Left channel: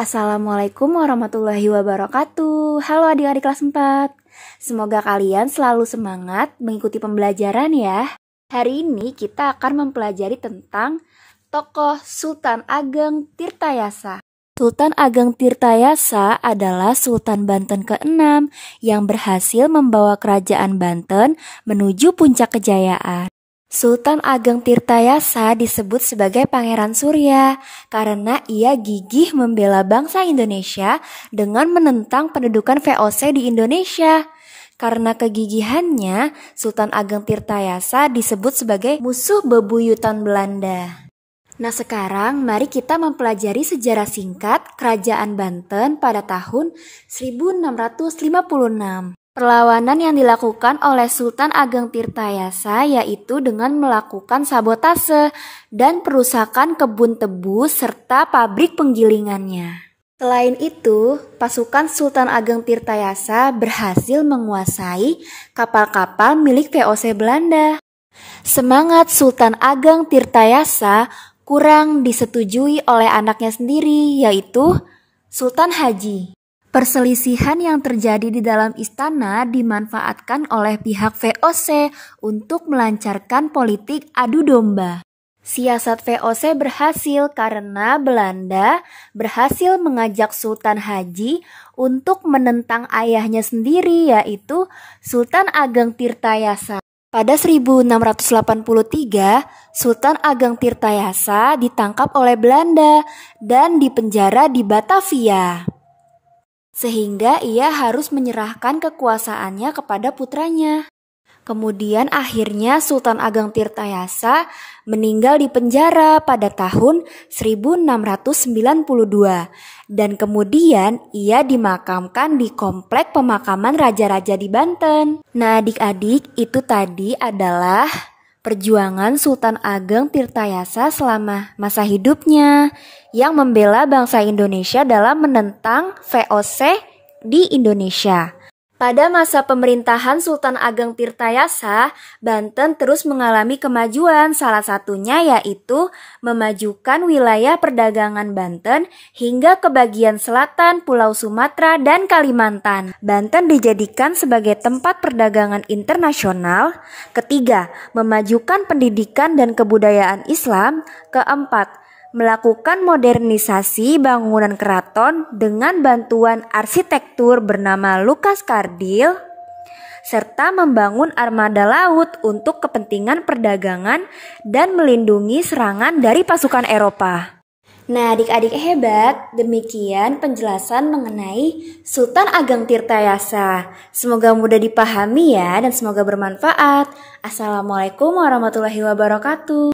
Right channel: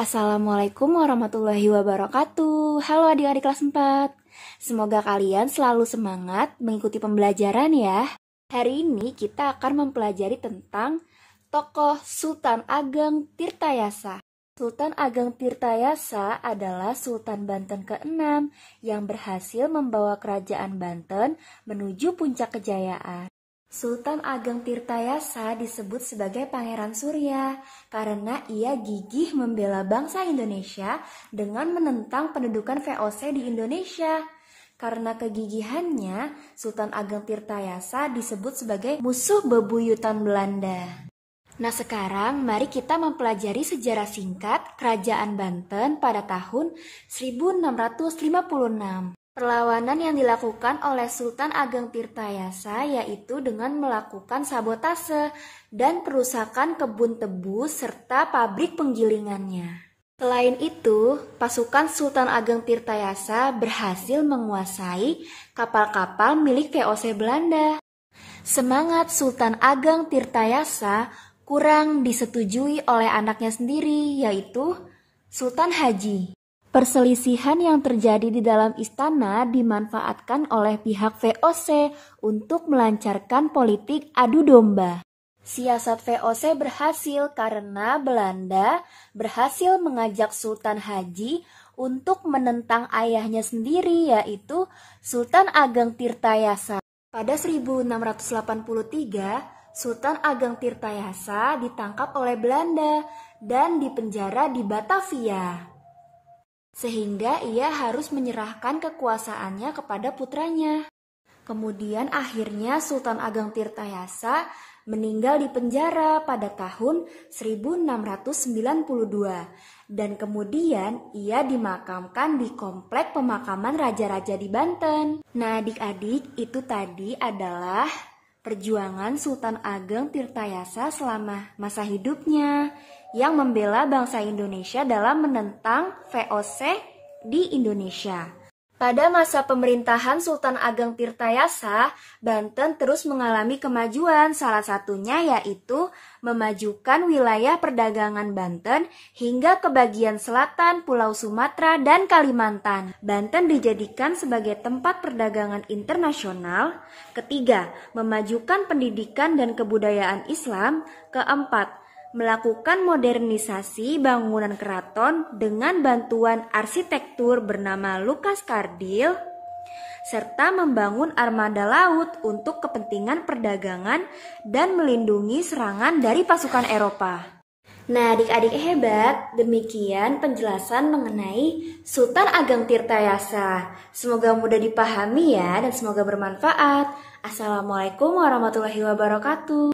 Assalamualaikum warahmatullahi wabarakatuh. Halo adik-adik kelas 4. Semoga kalian selalu semangat mengikuti pembelajaran ya. Hari ini kita akan mempelajari tentang tokoh Sultan Ageng Tirtayasa. Sultan Ageng Tirtayasa adalah Sultan Banten ke-6 yang berhasil membawa kerajaan Banten menuju puncak kejayaan. Sultan Ageng Tirtayasa disebut sebagai Pangeran Surya karena ia gigih membela bangsa Indonesia dengan menentang pendudukan VOC di Indonesia. Karena kegigihannya, Sultan Ageng Tirtayasa disebut sebagai musuh bebuyutan Belanda. Nah sekarang mari kita mempelajari sejarah singkat Kerajaan Banten pada tahun 1656. Perlawanan yang dilakukan oleh Sultan Ageng Tirtayasa yaitu dengan melakukan sabotase dan perusakan kebun tebu serta pabrik penggilingannya. Selain itu, pasukan Sultan Ageng Tirtayasa berhasil menguasai kapal-kapal milik VOC Belanda. Semangat Sultan Ageng Tirtayasa kurang disetujui oleh anaknya sendiri yaitu Sultan Haji. Perselisihan yang terjadi di dalam istana dimanfaatkan oleh pihak VOC untuk melancarkan politik adu domba. Siasat VOC berhasil karena Belanda berhasil mengajak Sultan Haji untuk menentang ayahnya sendiri yaitu Sultan Ageng Tirtayasa. Pada 1683, Sultan Ageng Tirtayasa ditangkap oleh Belanda dan dipenjara di Batavia. Sehingga ia harus menyerahkan kekuasaannya kepada putranya. Kemudian akhirnya Sultan Ageng Tirtayasa meninggal di penjara pada tahun 1692 dan kemudian ia dimakamkan di komplek pemakaman raja-raja di Banten. Nah adik-adik, itu tadi adalah perjuangan Sultan Ageng Tirtayasa selama masa hidupnya yang membela bangsa Indonesia dalam menentang VOC di Indonesia. Pada masa pemerintahan Sultan Ageng Tirtayasa, Banten terus mengalami kemajuan, salah satunya yaitu memajukan wilayah perdagangan Banten hingga ke bagian selatan Pulau Sumatera dan Kalimantan. Banten dijadikan sebagai tempat perdagangan internasional. Ketiga, memajukan pendidikan dan kebudayaan Islam. Keempat, melakukan modernisasi bangunan keraton dengan bantuan arsitektur bernama Lukas Kardil, serta membangun armada laut untuk kepentingan perdagangan dan melindungi serangan dari pasukan Eropa. Nah adik-adik hebat, demikian penjelasan mengenai Sultan Ageng Tirtayasa. Semoga mudah dipahami ya dan semoga bermanfaat. Assalamualaikum warahmatullahi wabarakatuh.